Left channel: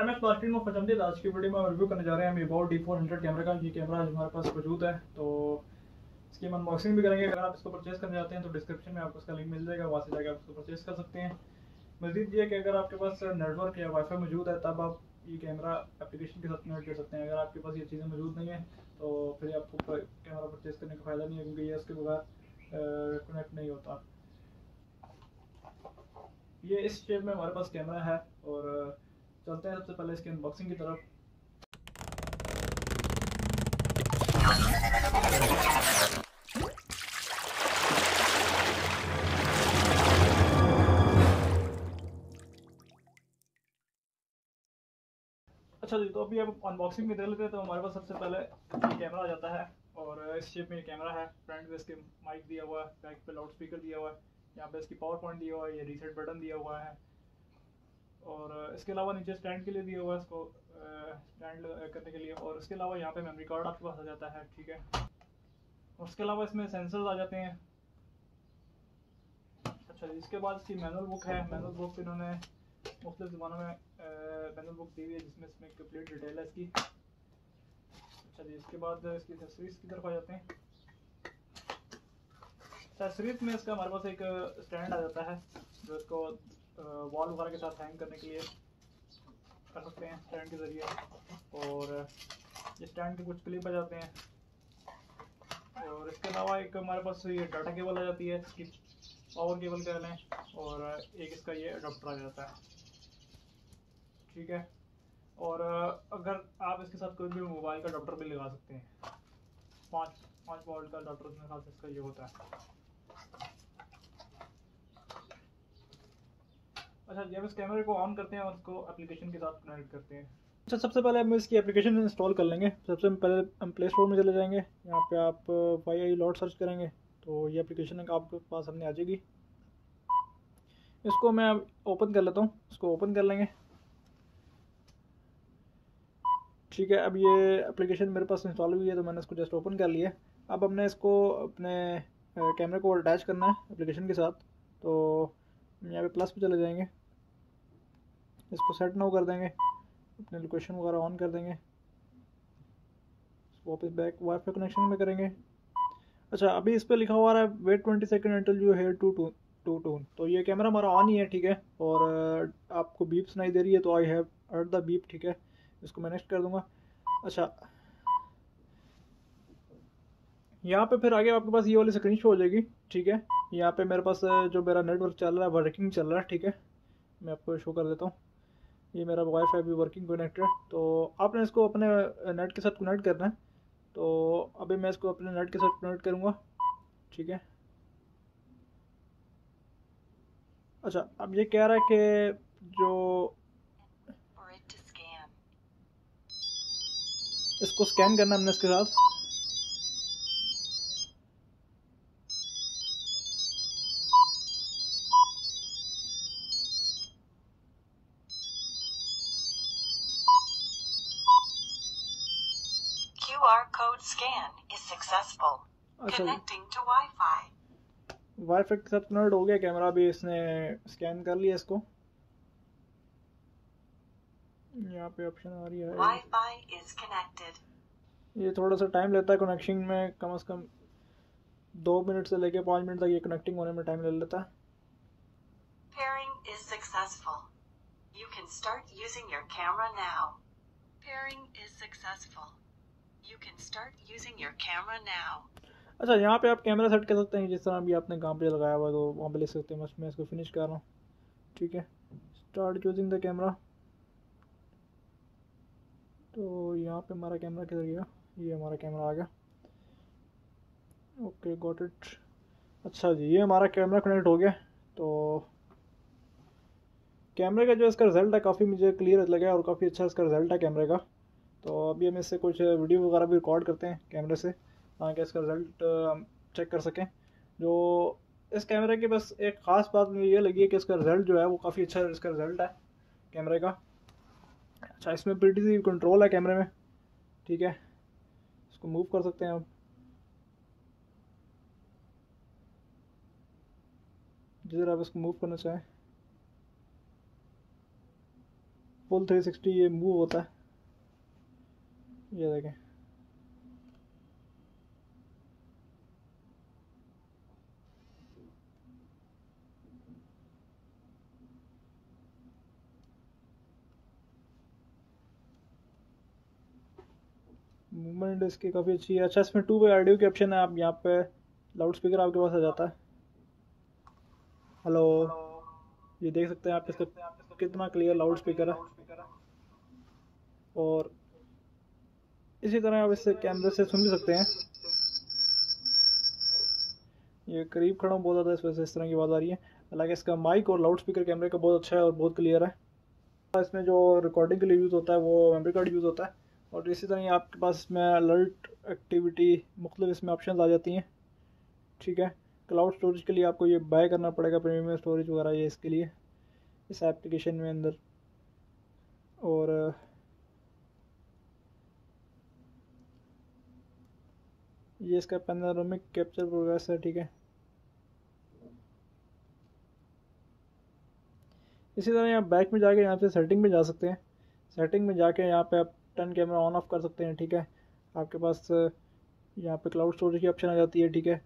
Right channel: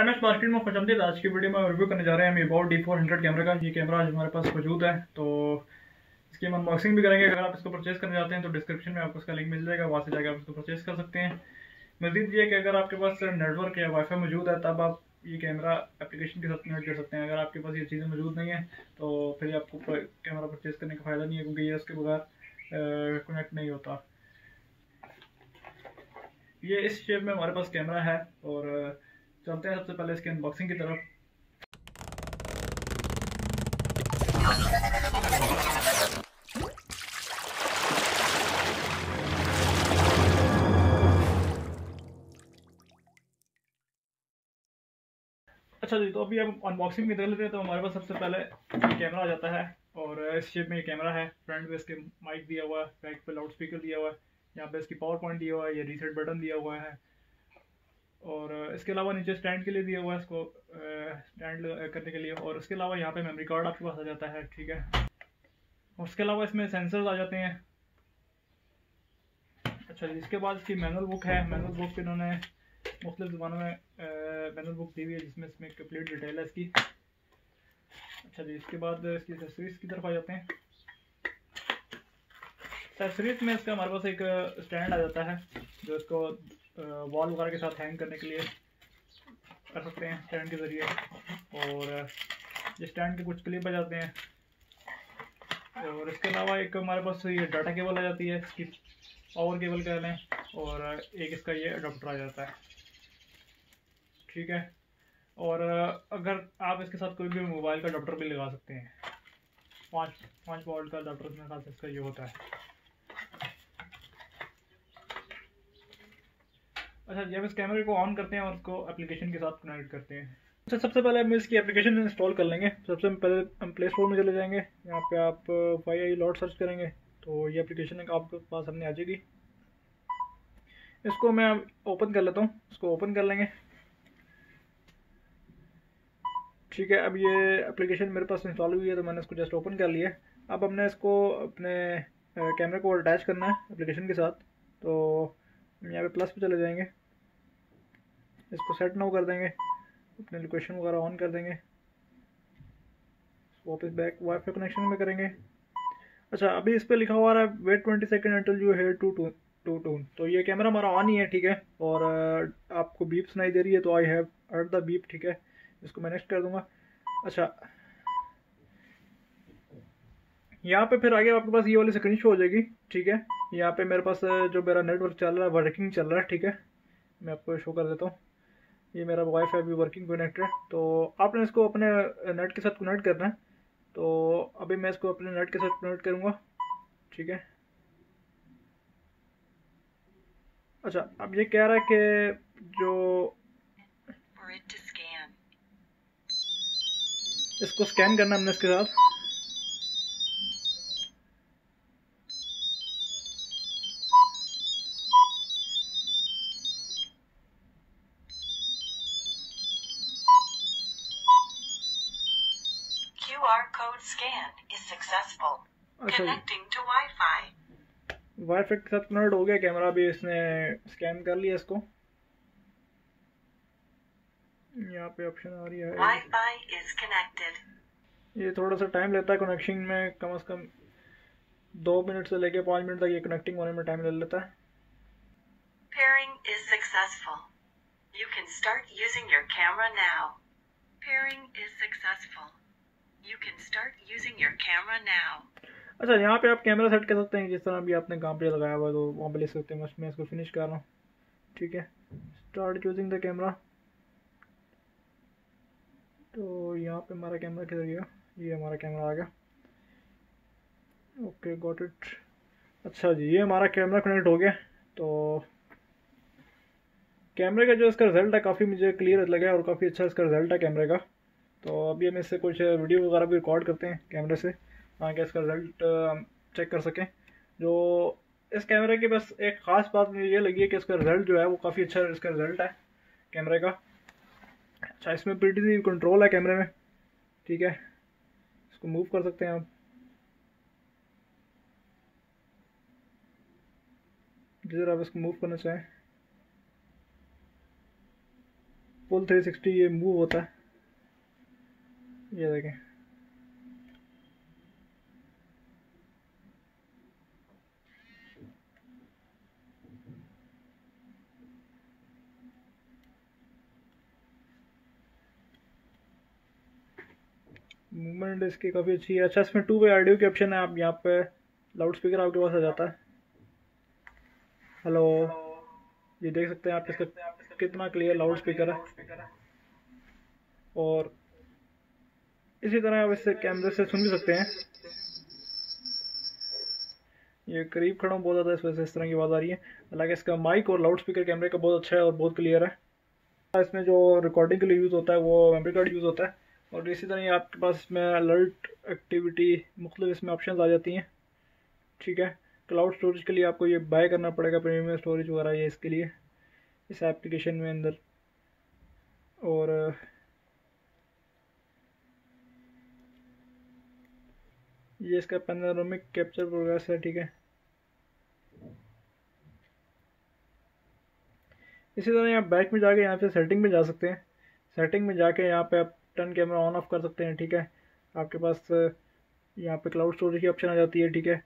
MS market में खुशामदीद। आज की वीडियो में हम रिव्यू करने जा रहे हैं हम अबाउट D400 कैमरे का। ये कैमरा आज हमारे पास मौजूद है, तो इसकी हम अनबॉक्सिंग भी करेंगे। अगर आप इसको परचेज़ करने जाते हैं तो डिस्क्रिप्शन में आपको इसका लिंक मिल जाएगा, वहाँ से जाकर आप इसको परचेज़ कर सकते हैं। मज़ीद ये कि अगर आपके पास नेटवर्क या वाईफाई मौजूद है तब आप ये कैमरा एप्लीकेशन के साथ कनेक्ट कर सकते हैं। अगर आपके पास ये चीज़ें मौजूद नहीं है तो फिर आपको कैमरा परचेज़ करने का फ़ायदा नहीं है, क्योंकि ये उसके बगैर कनेक्ट नहीं होता। ये इस शेप में हमारे पास कैमरा है और चलते हैं सबसे पहले इसकी अनबॉक्सिंग की तरफ। अच्छा जी, तो अभी हम अनबॉक्सिंग में देख लेते हैं। तो हमारे पास सबसे पहले कैमरा आ जाता है और इस शेप में ये कैमरा है। फ्रंट पे इसके माइक दिया हुआ है, बैक पे लाउड स्पीकर दिया हुआ है, यहाँ पे इसकी पावर पॉइंट दिया हुआ है, ये रीसेट बटन दिया हुआ है और इसके अलावा नीचे स्टैंड के लिए दिया हुआ है, इसको स्टैंड करने के लिए। और इसके अलावा यहाँ पे मेमोरी कार्ड आपके पास आ जाता है, ठीक है। और इसके अलावा इसमें सेंसर्स आ जाते हैं। अच्छा जी, इसके बाद इसकी मैनुअल बुक है। मैनुअल बुक इन्होंने मुख्तलिफ ज़बानों में मैनुअल बुक दी हुई है, जिसमें इसमें कंप्लीट डिटेल है इसकी। अच्छा जी, इसके बाद इसकी एक्सेसरीज की तरफ आ जाते हैं। एक्सेसरीज में इसका हमारे पास एक स्टैंड आ जाता है, जो इसको वॉल वगैरह के साथ हैंग करने के लिए कर सकते हैं स्टैंड के ज़रिए। और ये स्टैंड के कुछ क्लिप आ जाते हैं। और इसके अलावा एक हमारे पास ये डाटा केबल आ जाती है, इसकी पावर केबल कह लें, और एक इसका ये अडाप्टर आ जाता है, ठीक है। और अगर आप इसके साथ कोई भी मोबाइल का अडाप्टर भी लगा सकते हैं। 5 वोल्ट का अडाप्टर मेरे ख्याल से इसका ये होता है। अच्छा, जब इस कैमरे को ऑन करते हैं और इसको एप्लीकेशन के साथ कनेक्ट करते हैं। अच्छा, सबसे पहले हम इसकी एप्लीकेशन इंस्टॉल कर लेंगे। सबसे पहले हम प्ले स्टोर में चले जाएंगे। यहाँ पे आप YI लॉट सर्च करेंगे तो ये एप्लीकेशन आपके पास सामने आ जाएगी। इसको मैं ओपन कर लेता हूँ, इसको ओपन कर लेंगे, ठीक है। अब ये एप्लीकेशन मेरे पास इंस्टॉल हुई है तो मैंने इसको जस्ट ओपन कर लिया। अब हमने इसको अपने कैमरे को अटैच करना है एप्लीकेशन के साथ। तो यहाँ पे प्लस पे चले जाएंगे, इसको सेट नाउ कर देंगे, अपने लोकेशन वगैरह ऑन कर देंगे, वापस बैक वाईफाई कनेक्शन में करेंगे। अच्छा, अभी इस पर लिखा हुआ है wait 20 second until you hear to tone. तो ये कैमरा हमारा ऑन ही है, ठीक है। और आपको बीप सुनाई दे रही है, तो I have heard the beep, ठीक है। इसको मैं नेक्स्ट कर दूंगा। अच्छा, यहाँ पे फिर आगे आपके पास ये वाली स्क्रीन शो हो जाएगी, ठीक है। यहाँ पे मेरे पास जो मेरा नेटवर्क चल रहा है वर्किंग चल रहा है, ठीक है। मैं आपको शो कर देता हूँ। ये मेरा वाईफाई भी वर्किंग कनेक्टेड है। तो आपने इसको अपने नेट के साथ कनेक्ट करना है। तो अभी मैं इसको अपने नेट के साथ कनेक्ट करूँगा, ठीक है। अच्छा, अब ये कह रहा है कि जो इसको स्कैन करना हमने इसके साथ। QR code scan is successful. अच्छा, Connecting to Wi-Fi. वाईफाई के साथ कनेक्ट हो गया कैमरा, भी इसने स्कैन कर लिया इसको। यहाँ पे ऑप्शन आ रही है Wi-Fi is connected. ये थोड़ा सा टाइम लेता है कनेक्शन में, कम से कम 2 मिनट से लेके 5 मिनट तक ये कनेक्टिंग होने में टाइम ले लेता है। Pairing is successful. You can start using your camera now. Pairing is successful. You can start using your camera now. अच्छा, यहाँ पे आप कैमरा सेट कर सकते हैं, जिस तरह भी आपने कहाँ पे लगाया हुआ है तो वहाँ पे ले सकते हैं। मैं इसको फिनिश कर रहा हूँ, ठीक है। Start using the camera. तो यहाँ पे हमारा कैमरा किधर गया? ये हमारा कैमरा आ गया, ओके, गॉट इट। अच्छा जी, ये हमारा कैमरा कनेक्ट हो गया। तो कैमरे का जो इसका रिज़ल्ट है काफ़ी मुझे क्लियर लगा और काफ़ी अच्छा इसका रिज़ल्ट है कैमरे का। तो अभी हम इससे कुछ वीडियो वगैरह भी रिकॉर्ड करते हैं कैमरे से, ताकि इसका रिज़ल्ट हम चेक कर सकें। जो इस कैमरे की बस एक ख़ास बात मुझे ये लगी है कि इसका रिज़ल्ट जो है वो काफ़ी अच्छा इसका रिज़ल्ट है कैमरे का। अच्छा, इसमें प्रीटी कंट्रोल है कैमरे में, ठीक है। इसको मूव कर सकते हैं आप, जिधर आप इसको मूव करना चाहें। फुल 360 ये मूव होता है, ये देखें। मूवमेंट इसकी काफ़ी अच्छी है। अच्छा, इसमें 2 वे ऑडियो की ऑप्शन है। आप यहाँ पे लाउड स्पीकर आपके पास आ जाता है। हेलो, ये देख सकते हैं आप इसका कितना क्लियर लाउड स्पीकर है। और इसी तरह आप इससे कैमरे से सुन भी सकते हैं। ये करीब खड़ा हूँ बहुत ज़्यादा, इस वजह से इस तरह की आवाज़ आ रही है। हालांकि इसका माइक और लाउड स्पीकर कैमरे का बहुत अच्छा है और बहुत क्लियर है। इसमें जो रिकॉर्डिंग के लिए यूज़ होता है वो मेमोरी कार्ड यूज़ होता है। और इसी तरह आपके पास इसमें अलर्ट एक्टिविटी मुख्तलिफ इसमें ऑप्शन आ जाती हैं, ठीक है। क्लाउड स्टोरेज के लिए आपको ये बाय करना पड़ेगा, प्रीमियम स्टोरेज वगैरह ये इसके लिए इस एप्लीकेशन में अंदर। और ये इसका पैनोरामिक कैप्चर प्रोग्रेस है, ठीक है। इसी तरह आप बैक में जाके यहाँ पे सेटिंग में जा सकते हैं। सेटिंग में जाके यहाँ पे आप टर्न कैमरा ऑन ऑफ कर सकते हैं, ठीक है। आपके पास यहाँ पे क्लाउड स्टोरेज की ऑप्शन आ जाती है, ठीक है।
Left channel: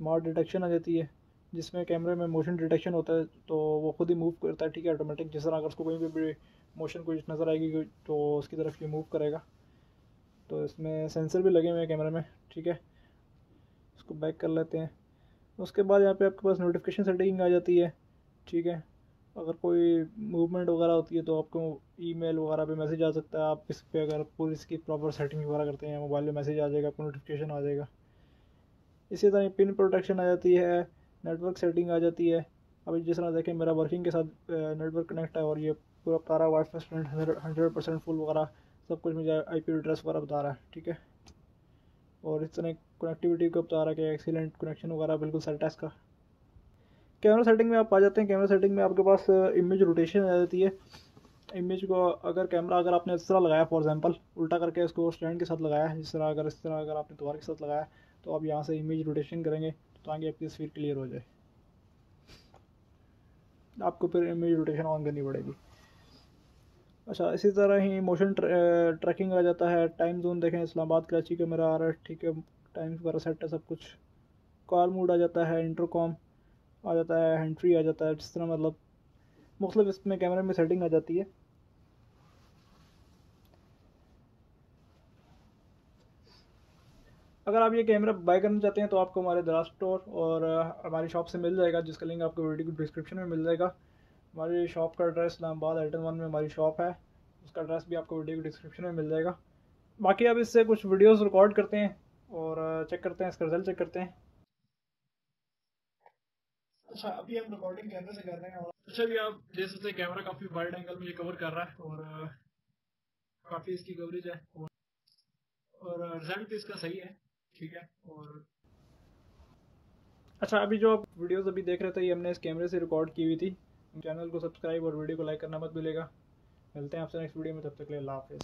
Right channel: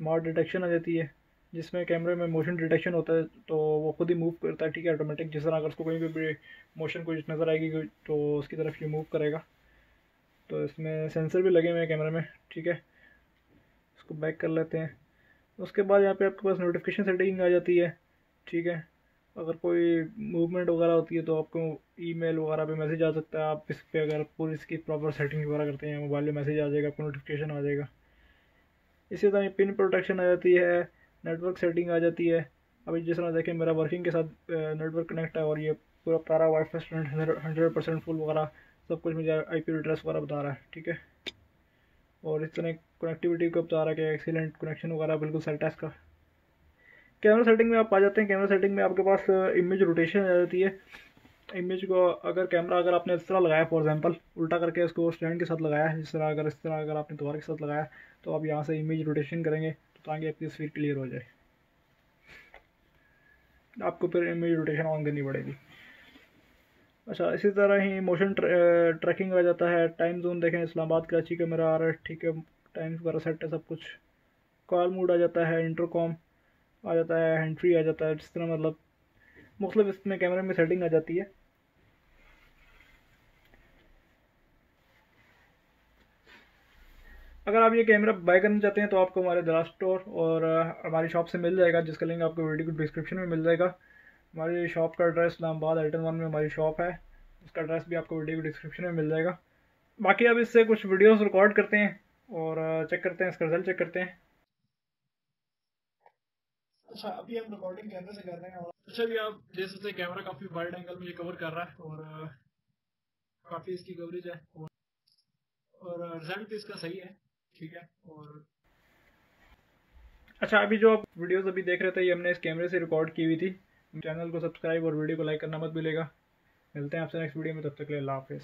स्मार्ट डिटेक्शन आ जाती है, जिसमें कैमरे में मोशन डिटेक्शन होता है, तो वो खुद ही मूव करता है, ठीक है, ऑटोमेटिक। जिस तरह अगर उसको कहीं भी मोशन कुछ नज़र आएगी तो उसकी तरफ ये मूव करेगा। तो इसमें सेंसर भी लगे हुए हैं कैमरे में, ठीक है। इसको बैक कर लेते हैं। उसके बाद यहाँ पे आपके पास नोटिफिकेशन सेटिंग आ जाती है, ठीक है। अगर कोई मूवमेंट वगैरह होती है तो आपको ईमेल वगैरह पे मैसेज आ सकता है। आप इस पर अगर पूरी इसकी प्रॉपर सेटिंग वगैरह करते हैं, मोबाइल में मैसेज आ जाएगा, आपको नोटिफिकेशन आ जाएगा। इसी तरह पिन प्रोटेक्शन आ जाती है, नेटवर्क सेटिंग आ जाती है। अभी जिस तरह देखें मेरा वर्किंग के साथ नेटवर्क कनेक्ट है और ये पूरा तारा वाईफाई स्टूडेंट 100% फुल वगैरह सब कुछ मुझे IP एड्रेस वगैरह बता रहा है, ठीक है। और इस तरह कनेक्टिविटी को बता रहा है कि एक्सीलेंट कनेक्शन वगैरह बिल्कुल सेट है इसका। कैमरा सेटिंग में आप आ जाते हैं। कैमरा सेटिंग में आपके पास इमेज रोटेशन आ जाती है। इमेज को अगर कैमरा अगर आपने इस तरह लगाया, फॉर एग्जांपल उल्टा करके इसको स्टैंड के साथ लगाया, इस तरह अगर आपने दोबारा के साथ लगाया, तो आप यहाँ से इमेज रोटेशन करेंगे ताकि आपकी तस्वीर क्लियर हो जाए। आपको फिर इमेज रोटेशन ऑन करनी पड़ेगी। अच्छा, इसी तरह ही मोशन ट्रैकिंग आ जाता है। टाइम जोन देखें, इस्लामाबाद कराची का मेरा आ रहा है, ठीक है। टाइम वगैरह सेट है सब कुछ। कॉल मोड आ जाता है, इंटरकॉम आ जाता है, हैंड फ्री आ जाता है। जिस तरह मतलब मुख्तलिफ इसमें कैमरे में सेटिंग आ जाती है। अगर आप ये कैमरा बाय करना चाहते हैं तो आपको हमारे दराज स्टोर और हमारी शॉप से मिल जाएगा, जिसका लिंक आपको वीडियो की डिस्क्रिप्शन में मिल जाएगा। हमारी शॉप का एड्रेस इस्लामाबाद आइटन 1 में हमारी शॉप है, उसका एड्रेस भी आपको वीडियो की डिस्क्रिप्शन में मिल जाएगा। बाकी अब इससे कुछ वीडियोस रिकॉर्ड करते हैं और चेक करते हैं, इसका रिजल्ट चेक करते हैं। अच्छा, अभी हम रिकॉर्डिंग कैमरे से कर रहे हैं। और अच्छा, अभी आप देख सकते हैं कैमरा काफ़ी वाइड एंगल में ये कवर कर रहा है और काफ़ी इसकी कवरेज है और रिजल्ट भी इसका सही है, ठीक है। और अच्छा, अभी जो आप वीडियोस अभी देख रहे थे ये हमने इस कैमरे से रिकॉर्ड की हुई थी। चैनल को सब्सक्राइब और वीडियो को लाइक करना मत भूलिएगा। मिलते हैं आपसे नेक्स्ट वीडियो में, तब तक के लिए अल्लाह हाफिज़।